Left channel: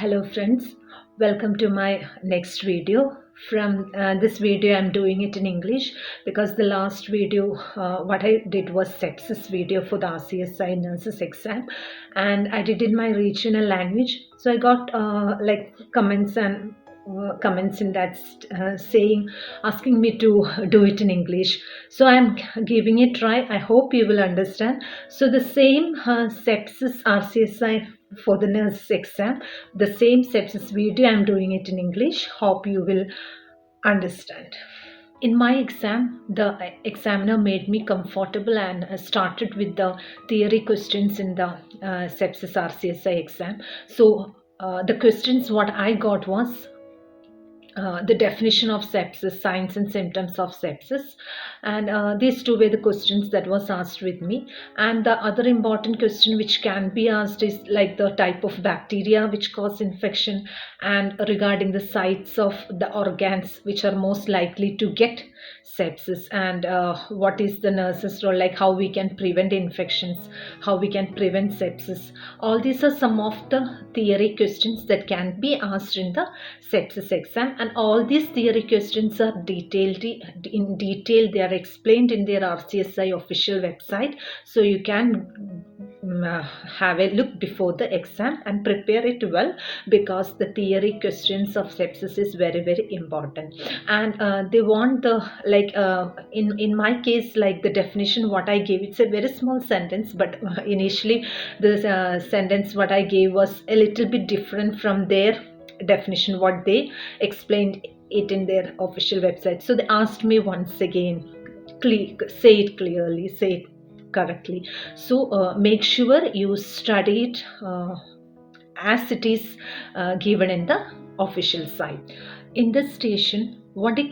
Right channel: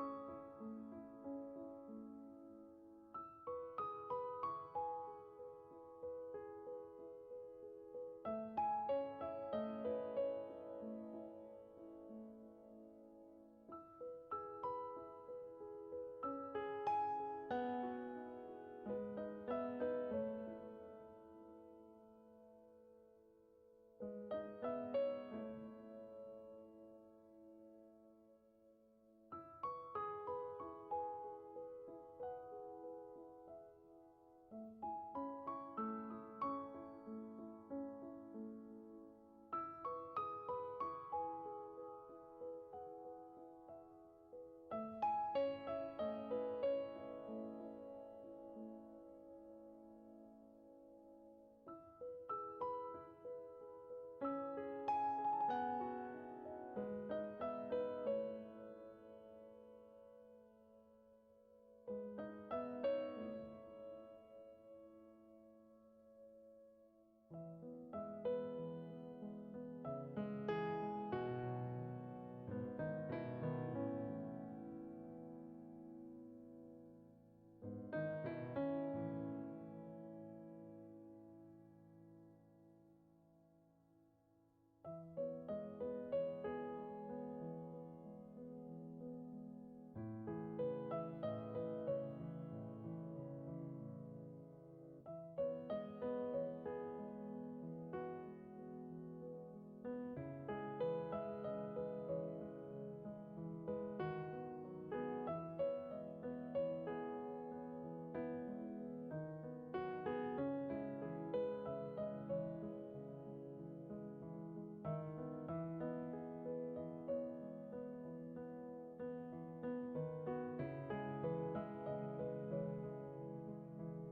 Hello friends, welcome to my next video. From this video I'm doing it in English because the last video what I did was sepsis video for the RCSI nurses exam, and I did in my regional language, so I got like comments and comments in that saying, asking me to do it in English. So I'm giving it a try. I hope you will understand. So the same sepsis RCSI for the nurse exam, the same sepsis video I'm doing it in English. Hope you will understand. In my exam, the examiner made me comfortable and started with the theory questions in the sepsis RCSI exam. So the questions what I got was the definition of sepsis, signs and symptoms of sepsis, and these two were the questions that was asked with me. And the other important question which can be asked is like the type of bacteria which cause infection, and regarding the sites of the organs which are most likely to get sepsis, and what is the nurse's role, like how we can prevent infections, how we can prevent sepsis. All these are some of the theory questions that can be asked in the sepsis exam, and all these theory questions are detailed in detail. They are explained in their RCSI official website, so you can have a look before the exam and prepare it well, because the theory questions of sepsis is very important. And they want the in my case, like the definition what I gave, it's a very small sentence, but initially the sentence what I gave was a little bit different from their definition what they explained it in their official website. So they asked me once again, say it clearly, say it correctly. So make sure you study it as it is given in the official site. In this station, what a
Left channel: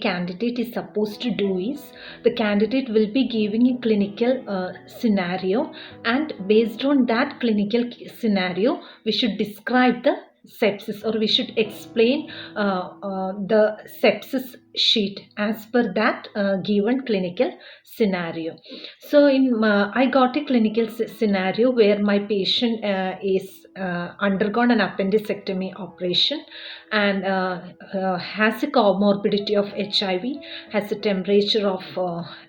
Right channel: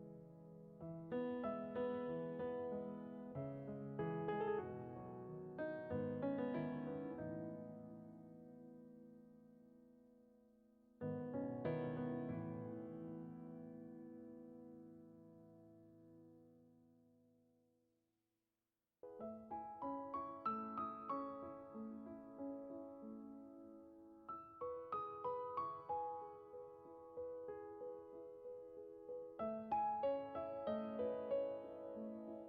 candidate is supposed to do is, the candidate will be giving a clinical scenario, and based on that clinical scenario we should describe the sepsis, or we should explain the sepsis sheet as per that given clinical scenario. So I got a clinical scenario where my patient is undergone an appendicectomy operation, and has a comorbidity of HIV, has a temperature of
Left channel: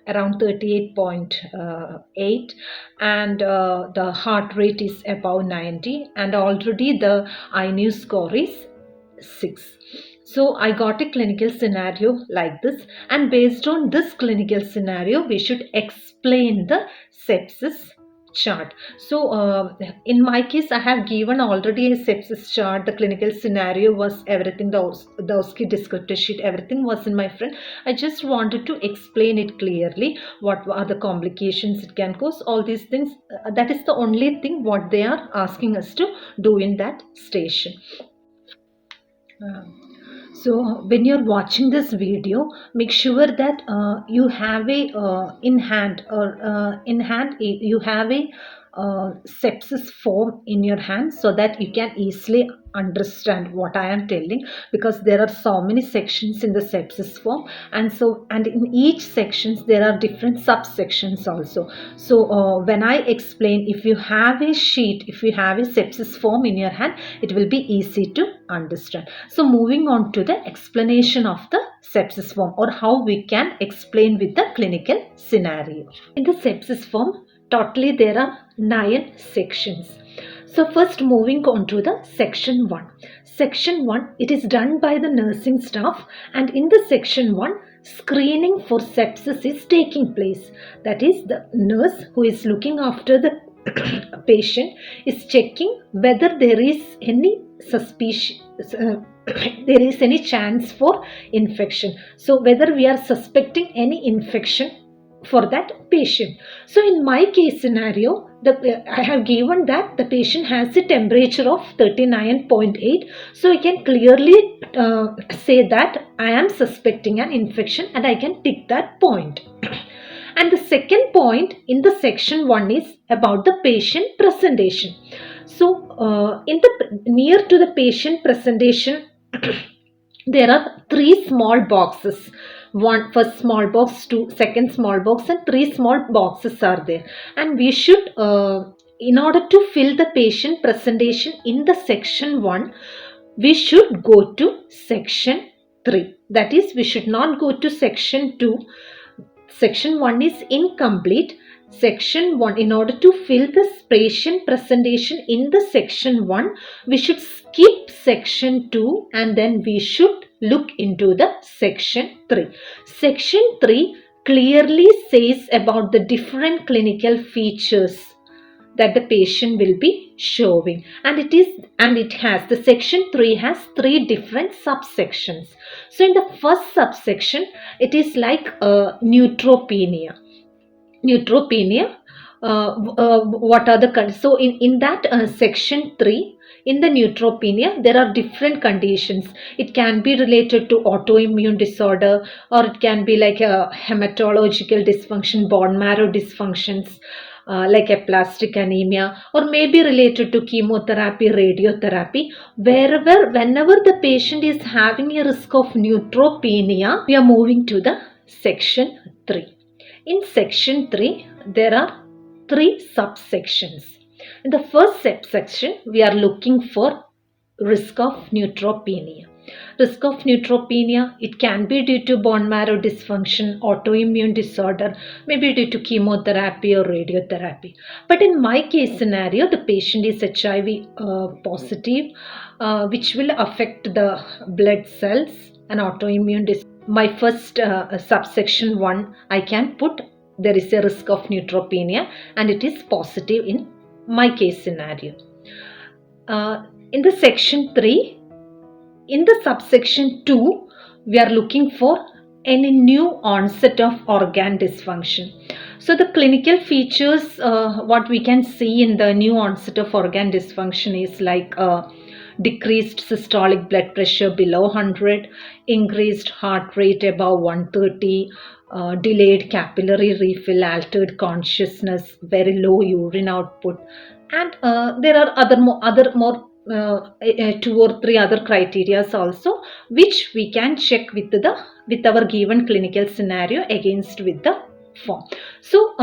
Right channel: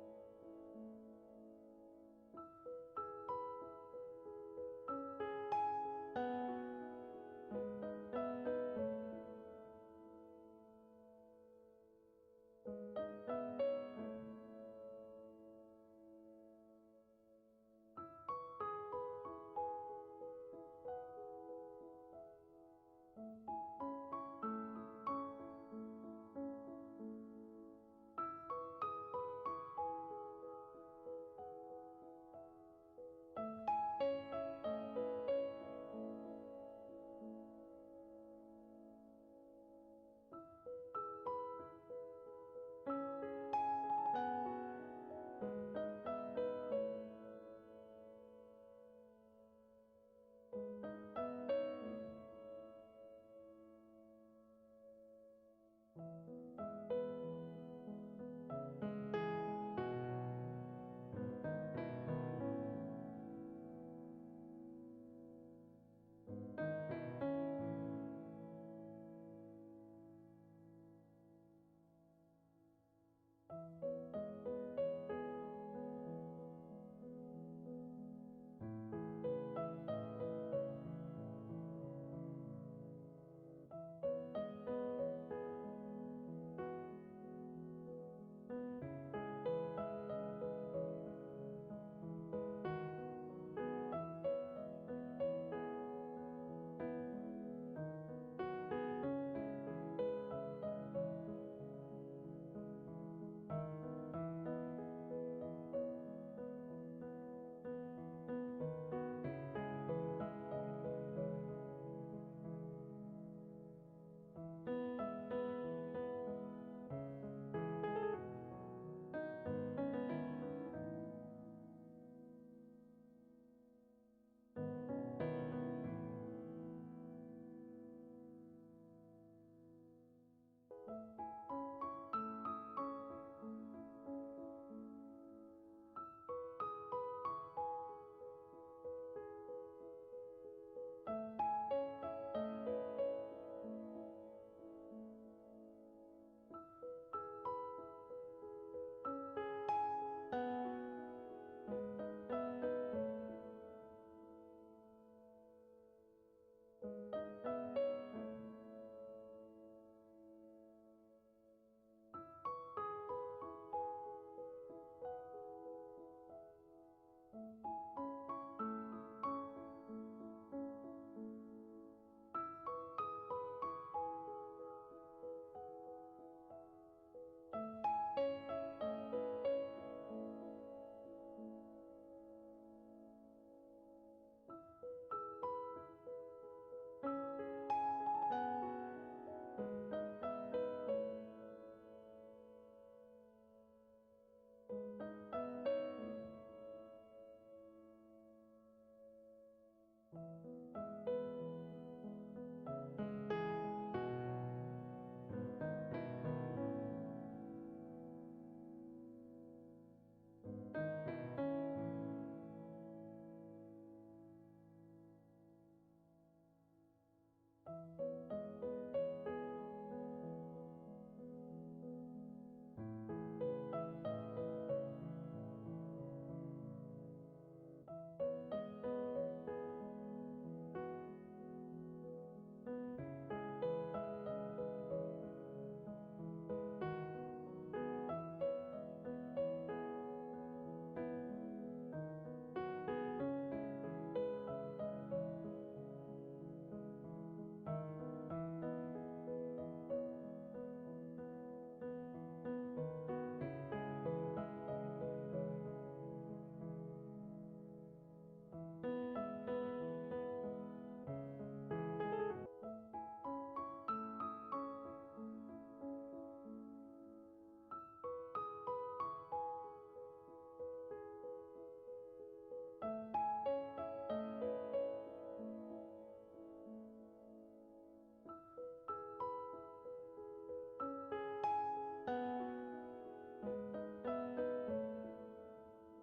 around 38.8, and the heart rate is above 90, and already the INU score is 6. So I got a clinical scenario like this, and based on this clinical scenario we should explain the sepsis chart. So in my case I have given already a sepsis chart. The clinical scenario was everything, the OSCE descriptor sheet, everything was in my front. I just wanted to explain it clearly, what are the complications it can cause, all these things. That is the only thing what they are asking us to do in that station. So when you're watching this video, make sure that you have a in hand you have a sepsis form in your hand, so that you can easily understand what I am telling, because there are so many sections in the sepsis form, and in each sections there are different subsections also. So when I explain, if you have a sheet, if you have a sepsis form in your hand, it will be easy to understand. So moving on to the explanation of the sepsis form, or how we can explain with the clinical scenario. In the sepsis form, totally there are 9 sections. So first, moving on to the section 1. Section 1, it is done by the nursing staff, and in the section 1, screening for sepsis is taking place. That is, the nurse who is looking after the patient is checking whether there is any suspicion, there is any chance for infection. So whether we are suspecting any infection for that patient. So in my case scenario, I have given that the patient has a temperature of 39.8. So I can clearly say that I am suspecting an infection, and I can tick that point. And the second point in the section 1 is about the patient presentation. So in the near to the patient presentation, there are 3 small boxes. One first small box, 2 second small box, and 3 small boxes are there, and we should in order to fill the patient presentation in the section 1, we should go to section 3. That is, we should not go to section 2. Section 1 is incomplete. Section 1, in order to fill the patient presentation in the section 1, we should skip section 2 and then we should look into the section 3. Section 3 clearly says about the different clinical features that the patient will be showing, and the section 3 has 3 different subsections. So in the first subsection, it is like neutropenia. What are the so in that section 3, in the neutropenia, there are different conditions. It can be related to autoimmune disorder, or it can be like a hematological dysfunction, bone marrow dysfunctions, like aplastic anemia, or maybe related to chemotherapy, radiotherapy. Whenever the patient is having a risk of neutropenia, we are moving to the section 3. In section 3, there are 3 subsections. In the first subsection, we are looking for risk of neutropenia. Risk of neutropenia, it can be due to bone marrow dysfunction, autoimmune disorder, maybe due to chemotherapy or radiotherapy. But in my case scenario, the patient is HIV positive, which will affect the blood cells and autoimmune disorder. My first subsection 1, I can put there is a risk of neutropenia and it is positive in my case scenario. In the section 3, in the subsection 2, we are looking for any new onset of organ dysfunction. So the clinical features, what we can see in the new onset of organ dysfunction is like decreased systolic blood pressure below 100, increased heart rate above 130, delayed capillary refill, altered consciousness, very low urine output, and there are other more 2 or 3 other criteria also, which we can check with our given clinical scenario against with the form. So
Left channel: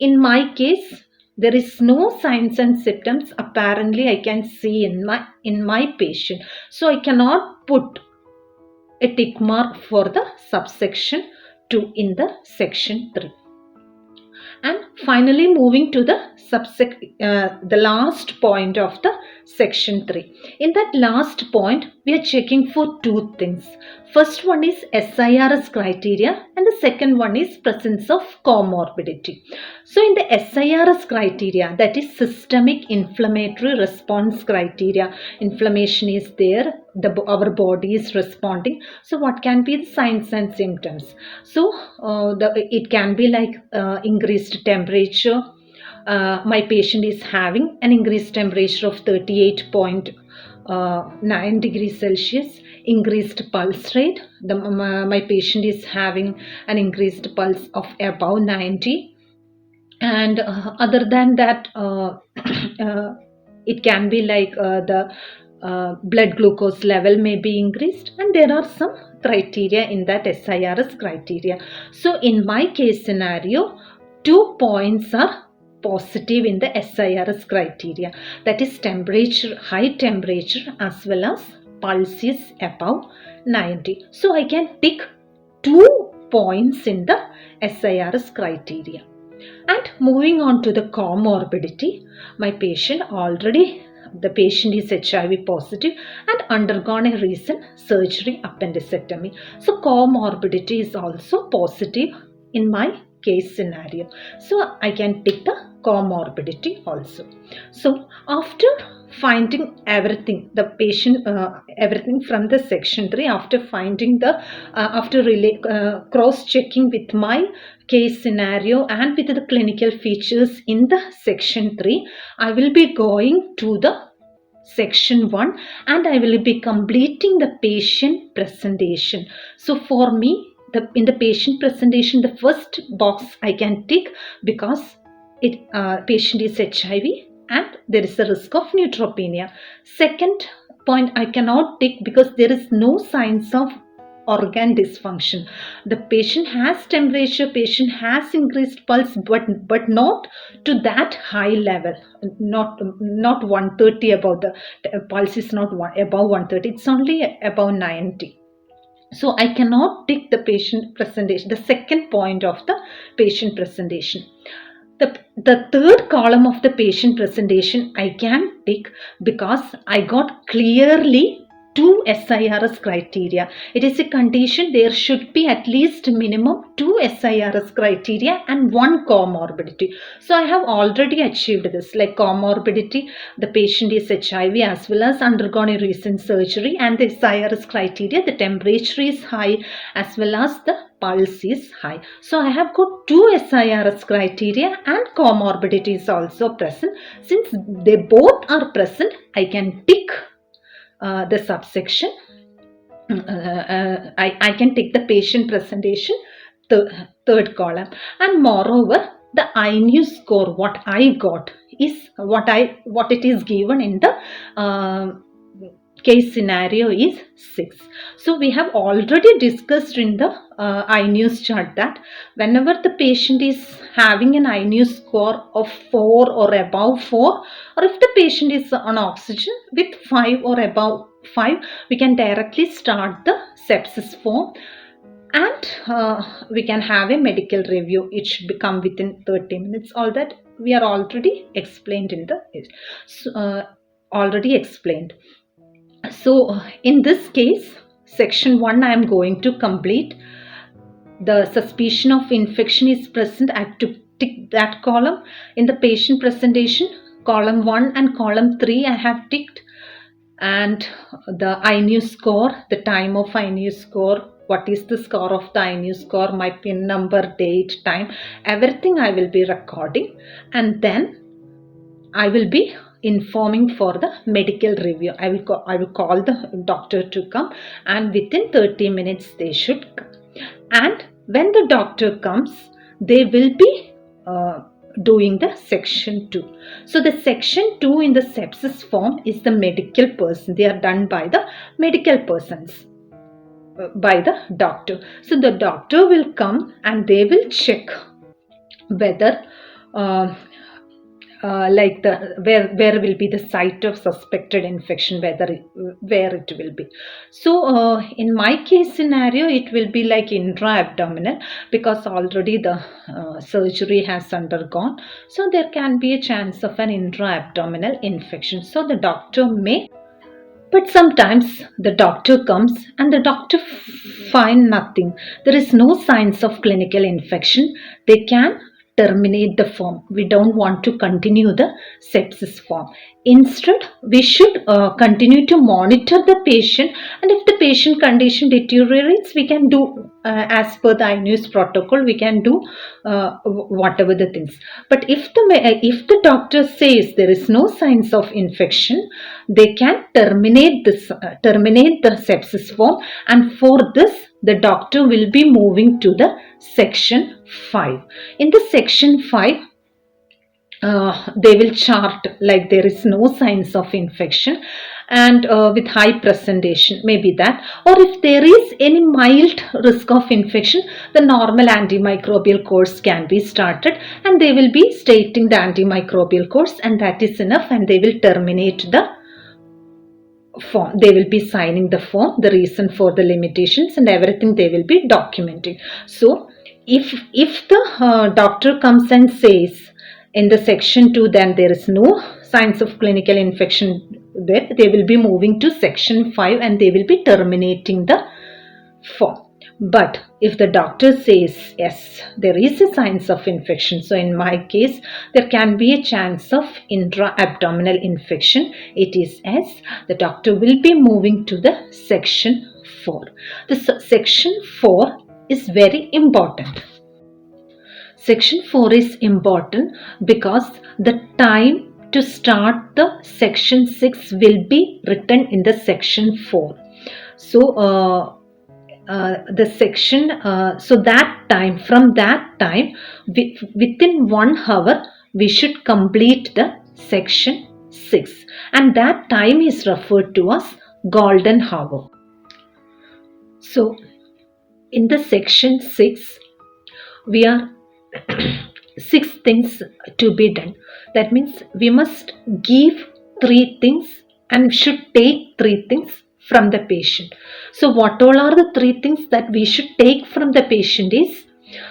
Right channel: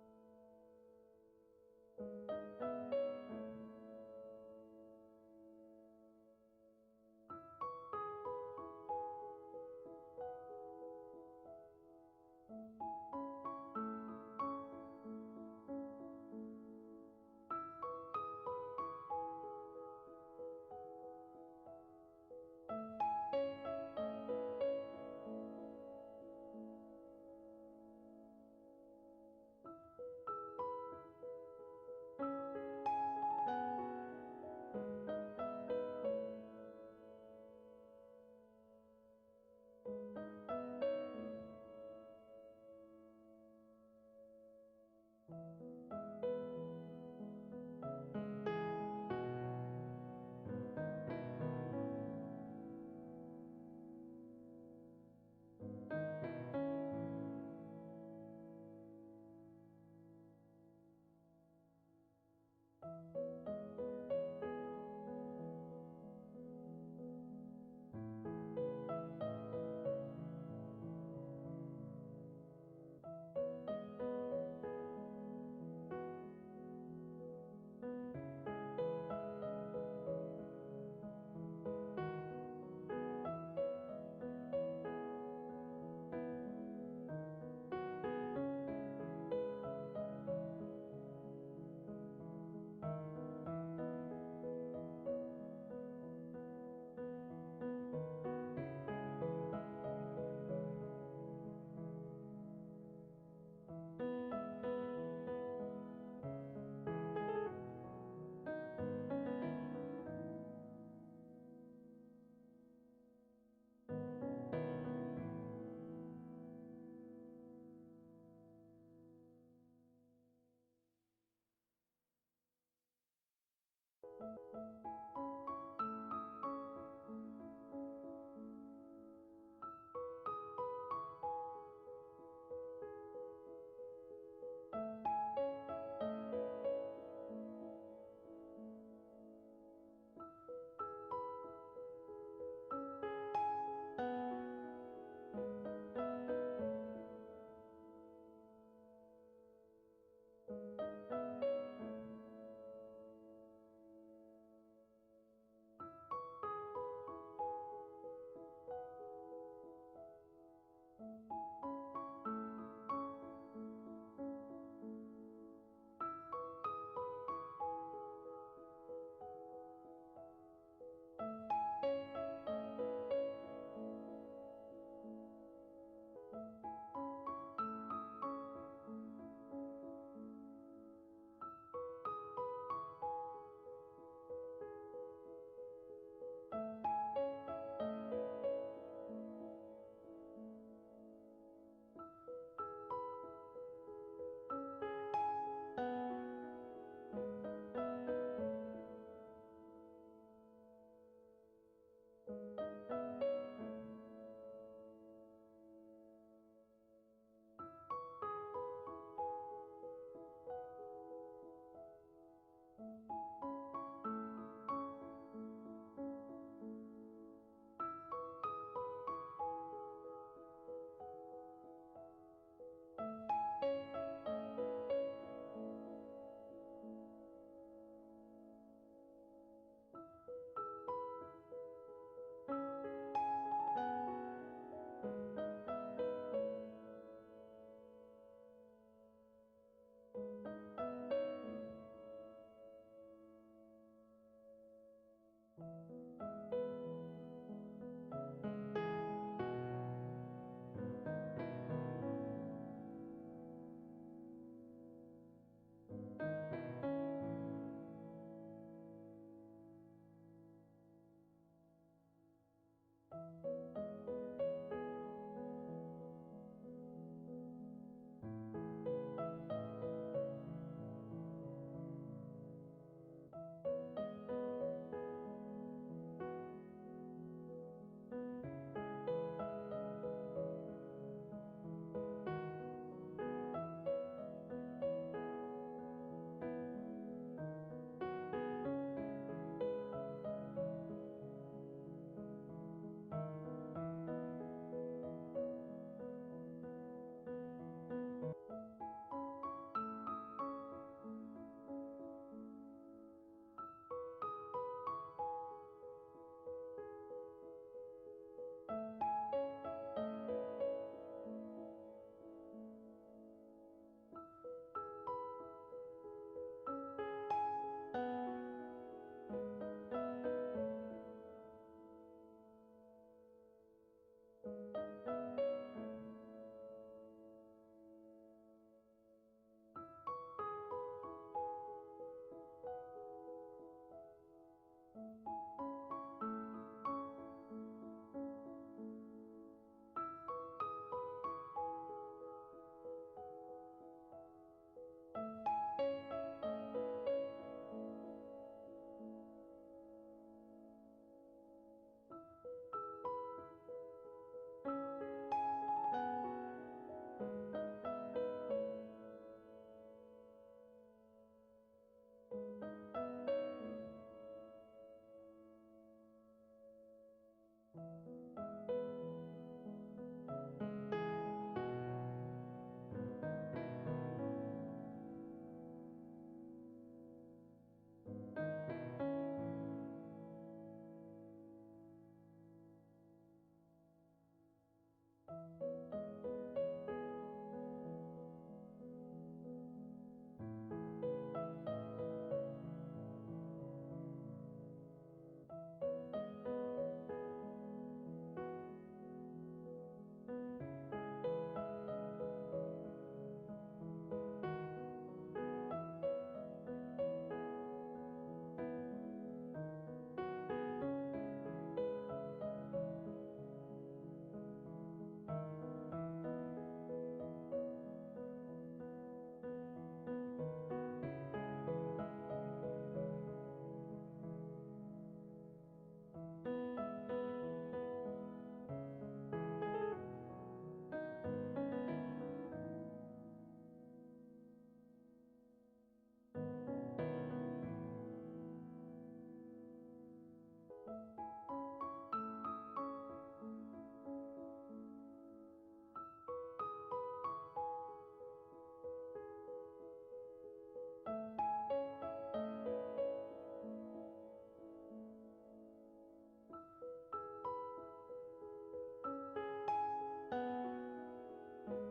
in my case, there is no signs and symptoms apparently I can see in my patient, so I cannot put a tick mark for the subsection 2 in the section 3. And finally, moving to the last point of the section 3. In that last point, we are checking for 2 things. First one is SIRS criteria and the second one is presence of comorbidity. So in the SIRS criteria, that is systemic inflammatory response criteria, inflammation is there, our body is responding. So what can be the signs and symptoms? So it can be like increased temperature. My patient is having an increased temperature of 38.9 degrees Celsius, increased pulse rate. My patient is having an increased pulse of above 90, and other than that, it can be like the blood glucose level may be increased, and there are some criteria in that SIRS criteria. So in my case scenario, 2 points are positive in the SIRS criteria, that is temperature, high temperature, as well as pulse is above 90. So I can tick 2 points in the SIRS criteria. And moving on to the comorbidity, the patient is HIV positive and undergone a recent surgery, appendectomy. So comorbidity is also positive in my case scenario. So I can take the comorbidity also. So after finding everything, the patient, everything from the section 3, after finding cross-checking with my case scenario and with the clinical features in the section 3, I will be going to the section 1 and I will be completing the patient presentation. So for me, in the patient presentation, the first box I can tick because patient is HIV and there is a risk of neutropenia. Second point I cannot tick because there is no signs of organ dysfunction. The patient has temperature, patient has increased pulse, but not to that high level, not 130 above. The pulse is not above 130, it's only above 90. So I cannot tick the patient presentation, the second point of the patient presentation. The third column of the patient presentation I can tick because I got clearly two SIRS criteria. It is a condition there should be at least minimum two SIRS criteria and one comorbidity. So I have already achieved this, like comorbidity, the patient is HIV as well as undergone a recent surgery, and the SIRS criteria, the temperature is high as well as the pulse is high. So I have got two SIRS criteria and comorbidity is also present. Since they both are present, I can tick the subsection. I can take the patient presentation, third column, and moreover the INU score what I got is what it is given in the case scenario is 6. So we have already discussed in the INUS chart that whenever the patient is having an INU score of 4 or above 4, or if the patient is on oxygen with 5 or above 5, we can directly start the sepsis form, and we can have a medical review. It should come within 30 minutes. All that we are already explained in the already explained. So in this case, section 1 I am going to complete. The suspicion of infection is present. I have to tick that column. In the patient presentation, column 1 and column 3 I have ticked, and the INU score, the time of INU score, what is the score of the INU score, my pin number, date, time, everything I will be recording, and then I will be informing for the medical review. I will call the doctor to come, and within 30 minutes they should come. And when the doctor comes, they will be doing the section 2. So the section 2 in the sepsis form is the medical person. They are done by the medical persons, by the doctor. So the doctor will come and they will check whether like where will be the site of suspected infection, where it will be. So in my case scenario, it will be like intra-abdominal, because already the surgery has undergone, so there can be a chance of an intra-abdominal infection. So the doctor may, but sometimes the doctor comes and the doctor find nothing, there is no signs of clinical infection, they can terminate the form. We don't want to continue the sepsis form. Instead, we should continue to monitor the patient, and if the patient condition deteriorates, we can do as per the INUS protocol, we can do whatever the things. But if the doctor says there is no signs of infection, they can terminate the sepsis form, and for this the doctor will be moving to the section 5. In the section 5, they will chart like there is no signs of infection, and with high presentation, maybe that, or if there is any mild risk of infection, the normal antimicrobial course can be started, and they will be stating the antimicrobial course, and that is enough, and they will terminate the form. They will be signing the form, the reason for the limitations and everything they will be documenting. So if the doctor comes and says in the section 2 then there is no signs of clinical infection there, they will be moving to section 5 and they will be terminating the form. But if the doctor says yes, there is a signs of infection, so in my case there can be a chance of intra-abdominal infection, it is S, the doctor will be moving to the section 4. The section 4 is very important. Section 4 is important because the time to start the section 6 will be written in the section 4. So the section, so that time, from that time, within 1 hour, we should complete the section 6, and that time is referred to as golden hour. So in the section 6, we are 6 things to be done. That means we must give 3 things and should take 3 things from the patient. So what all are the 3 things that we should take from the patient is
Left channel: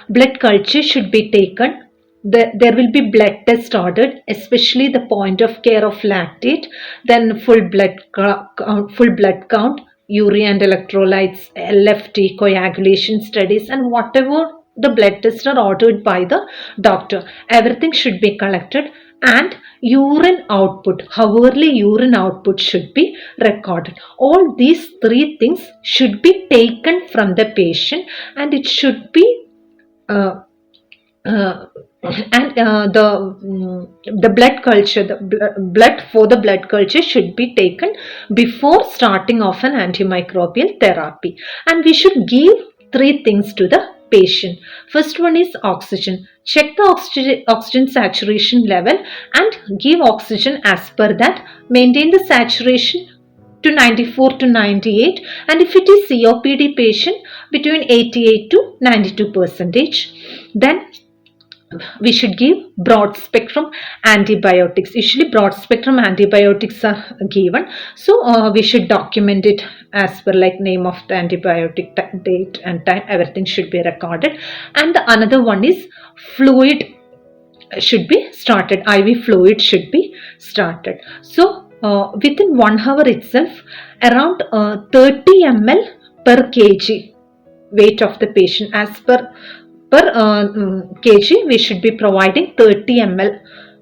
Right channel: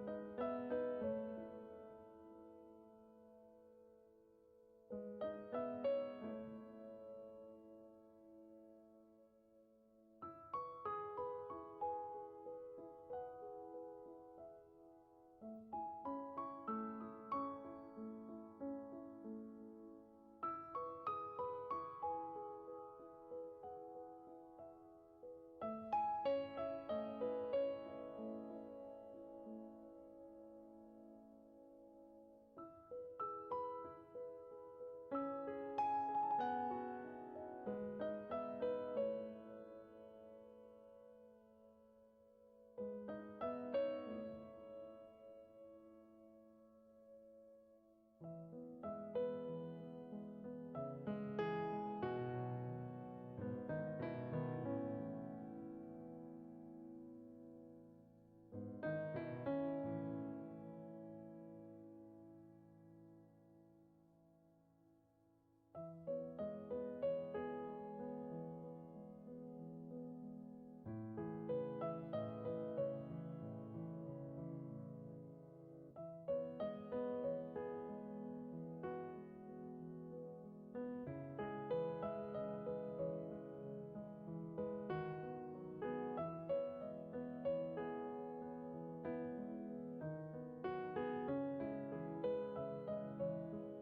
blood culture should be taken. There will be blood test ordered, especially the point of care of lactate, then full blood count, urea and electrolytes, LFT, coagulation studies, and whatever the blood tests are ordered by the doctor. Everything should be collected, and urine output, hourly urine output should be recorded. All these 3 things should be taken from the patient, and it should be uh, uh, the blood culture, blood for the blood culture should be taken before starting of an antimicrobial therapy. And we should give 3 things to the patient. First one is oxygen. Check the oxygen saturation level and give oxygen as per that. Maintain the saturation to 94 to 98, and if it is COPD patient, between 88 to 92 percentage. Then we should give broad spectrum antibiotics. Usually broad spectrum antibiotics are given, so we should document it as per like name of the antibiotic, date and time. Everything should be recorded. And the another one is fluid should be started. IV fluid should be started. So within 1 hour itself, around 30 ml per kg weight of the patient, as per kg, we should be providing 30 ml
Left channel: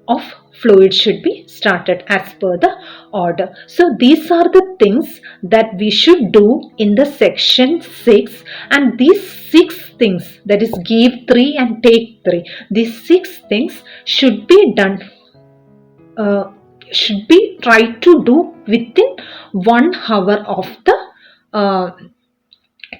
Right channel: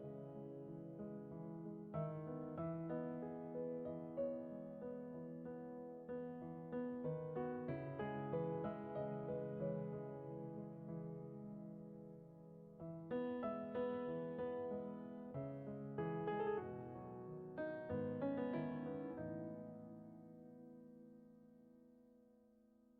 of fluid should be started as per the order. So these are the things that we should do in the section 6, and these 6 things, that is give 3 and take 3, these 6 things should be done, should be tried to do within 1 hour of the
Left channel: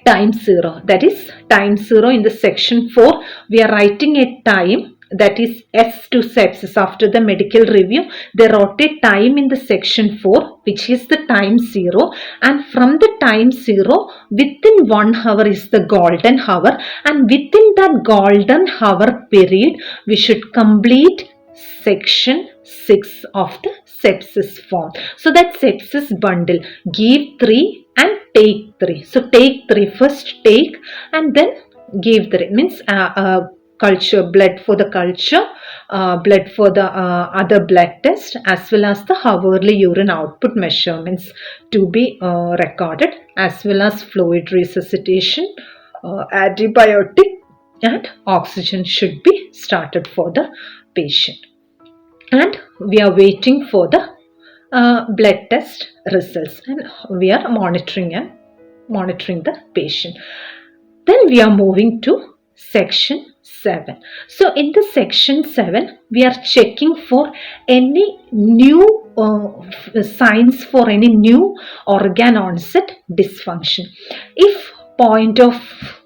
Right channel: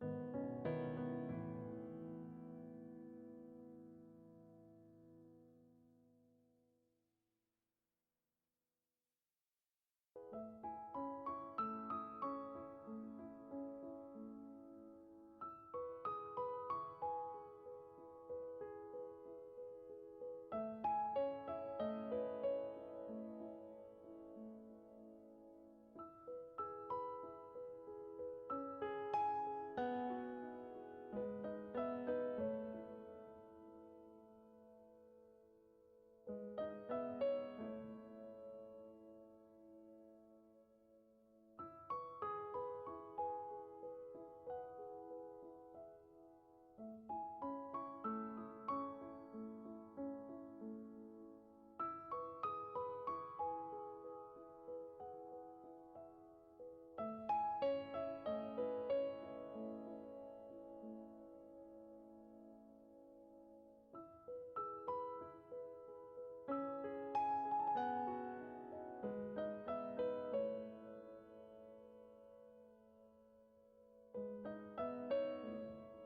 time 0. That is time 0 in the section 4. We are writing a time, that is S to sepsis. After the medical review, they wrote a time in the section 4, which is the time 0. And from the time 0, within 1 hour is the golden hour. And within that golden hour period, we should complete section 6 of the sepsis form. So that sepsis bundle, give 3 and take 3. So take 3, first take and then give 3. Means culture, blood for the culture, blood for the other blood test, as well as the hourly urine output measurements to be recorded, as well as fluid resuscitation, antibiotic and oxygen should be started for the patient. And we are waiting for the blood test results, and we are monitoring the patient. Then we are moving to section 7. So in the section 7, we are checking for any new signs for any new organ onset dysfunction. If point of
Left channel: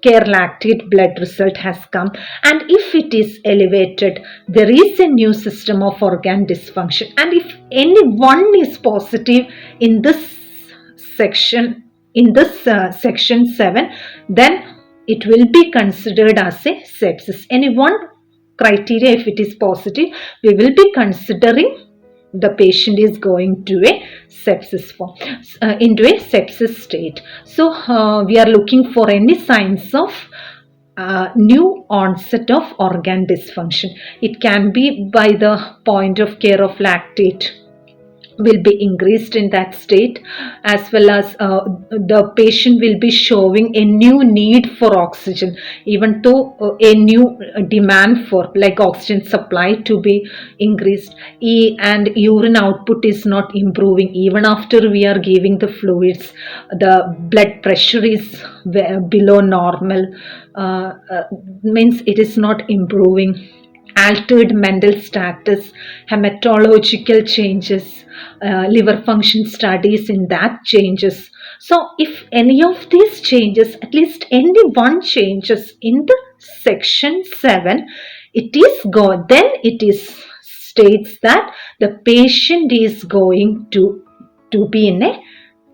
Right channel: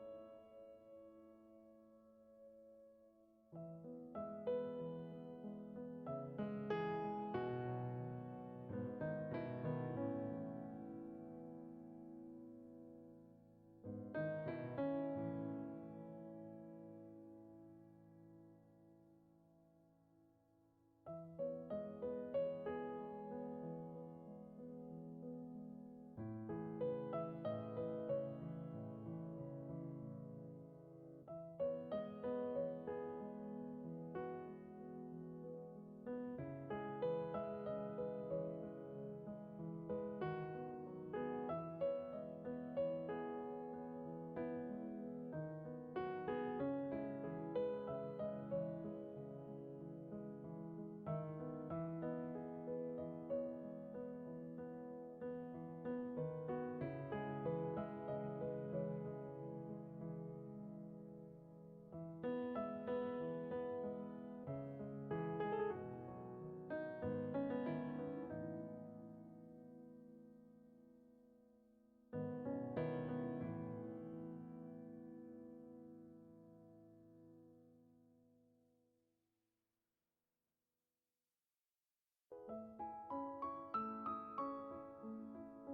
care lactate blood result has come, and if it is elevated, there is a new system of organ dysfunction. And if any one is positive in this section, section 7, then it will be considered as a sepsis. Any one criteria, if it is positive, we will be considering the patient is going to a sepsis form, into a sepsis state. So we are looking for any signs of new onset of organ dysfunction. It can be by the point of care of lactate will be increased in that state, as well as the patient will be showing a new need for oxygen, even though a new demand for like oxygen supply to be increased, and urine output is not improving even after we are giving the fluids. The blood pressure is below normal, means it is not improving. Altered mental status, hematological changes, liver function studies in that changes. So if any of these changes, at least any one changes in the section 7, it is then it is states that the patient is going to be in a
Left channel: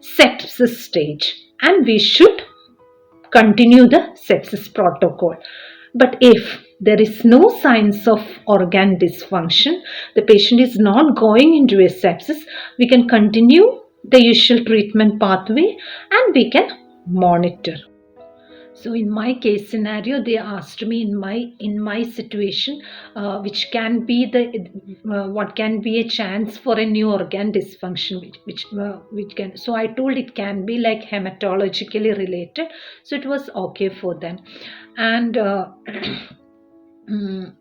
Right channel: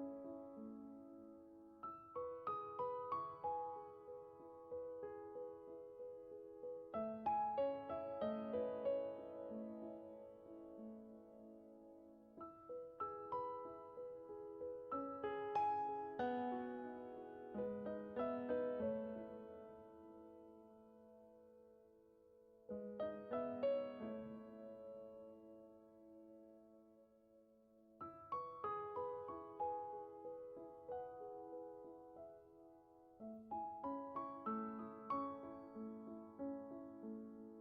sepsis stage, and we should continue the sepsis protocol. But if there is no signs of organ dysfunction, the patient is not going into a sepsis, we can continue the usual treatment pathway and we can monitor. So in my case scenario, they asked me in my situation, which can be the what can be a chance for a new organ dysfunction, which can. So I told it can be like hematologically related. So it was okay for them, and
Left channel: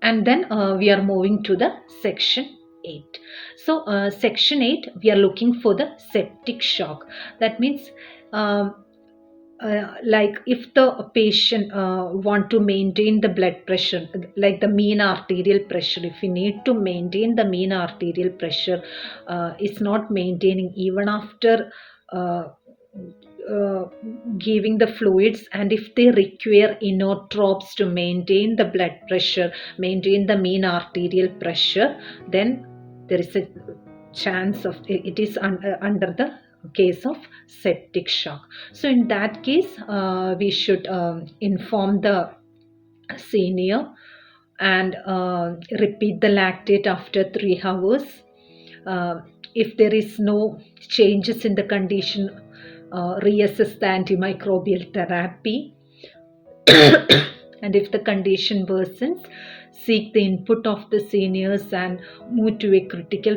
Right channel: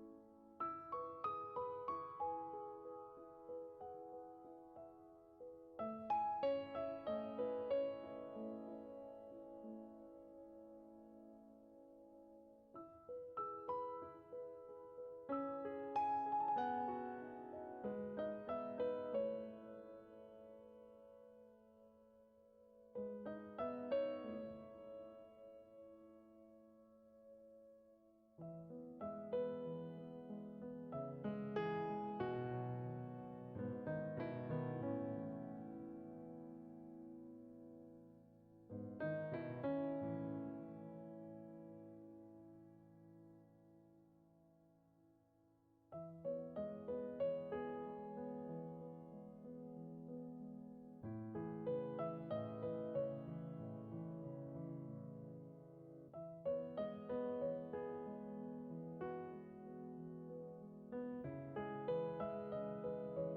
and then we are moving to the section 8. So section 8, we are looking for the septic shock. That means. Like if the patient want to maintain the blood pressure, like the mean arterial pressure, if we need to maintain the mean arterial pressure, it's not maintaining even after uh, uh, giving the fluids, and if they require inotropes to maintain the blood pressure, maintain the mean arterial pressure, then there is a chance of it is under the case of septic shock. So in that case, we should inform the senior and repeat the lactate after 3 hours. If there is no changes in the condition, reassess the antimicrobial therapy. And if the condition worsens, seek the input of the seniors and move to a critical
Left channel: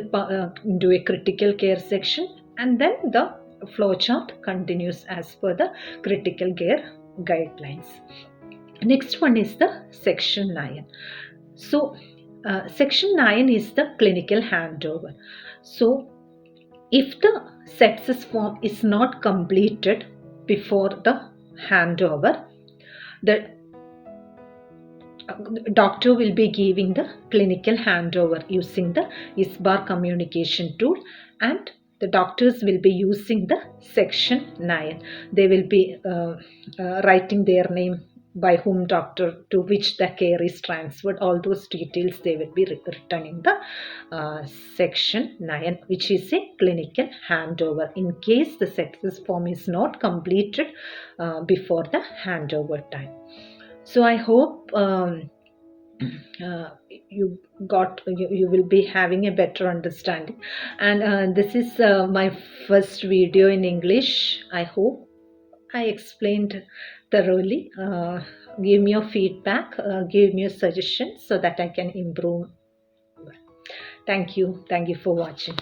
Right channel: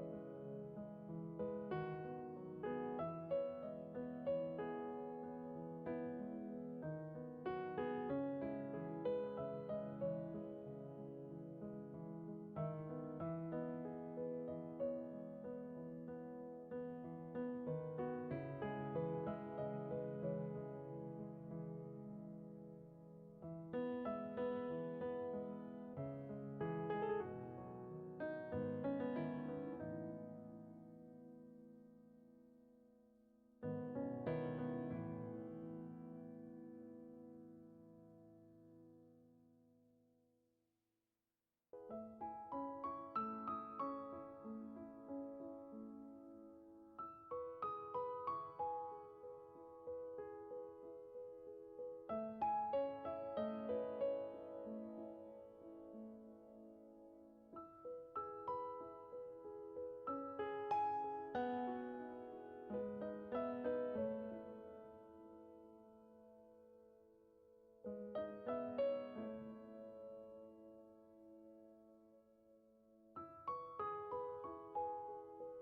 care section, and then the flowchart continues as per the critical care guidelines. Next one is the section 9. So section 9 is the clinical handover. So if the sepsis form is not completed before the handover, the doctor will be giving the clinical handover using the ISBAR communication tool, and the doctors will be using the section 9. They will be writing their name, by whom doctor, to which the care is transferred, all those details they will be written in the section 9, which is a clinical handover in case the sepsis form is not completed before the handover time. So I hope you will be having a better understanding, and this is my first video in English. I hope I explained thoroughly. Give me your feedback, give me your suggestions so that I can improve. Thank you for watching.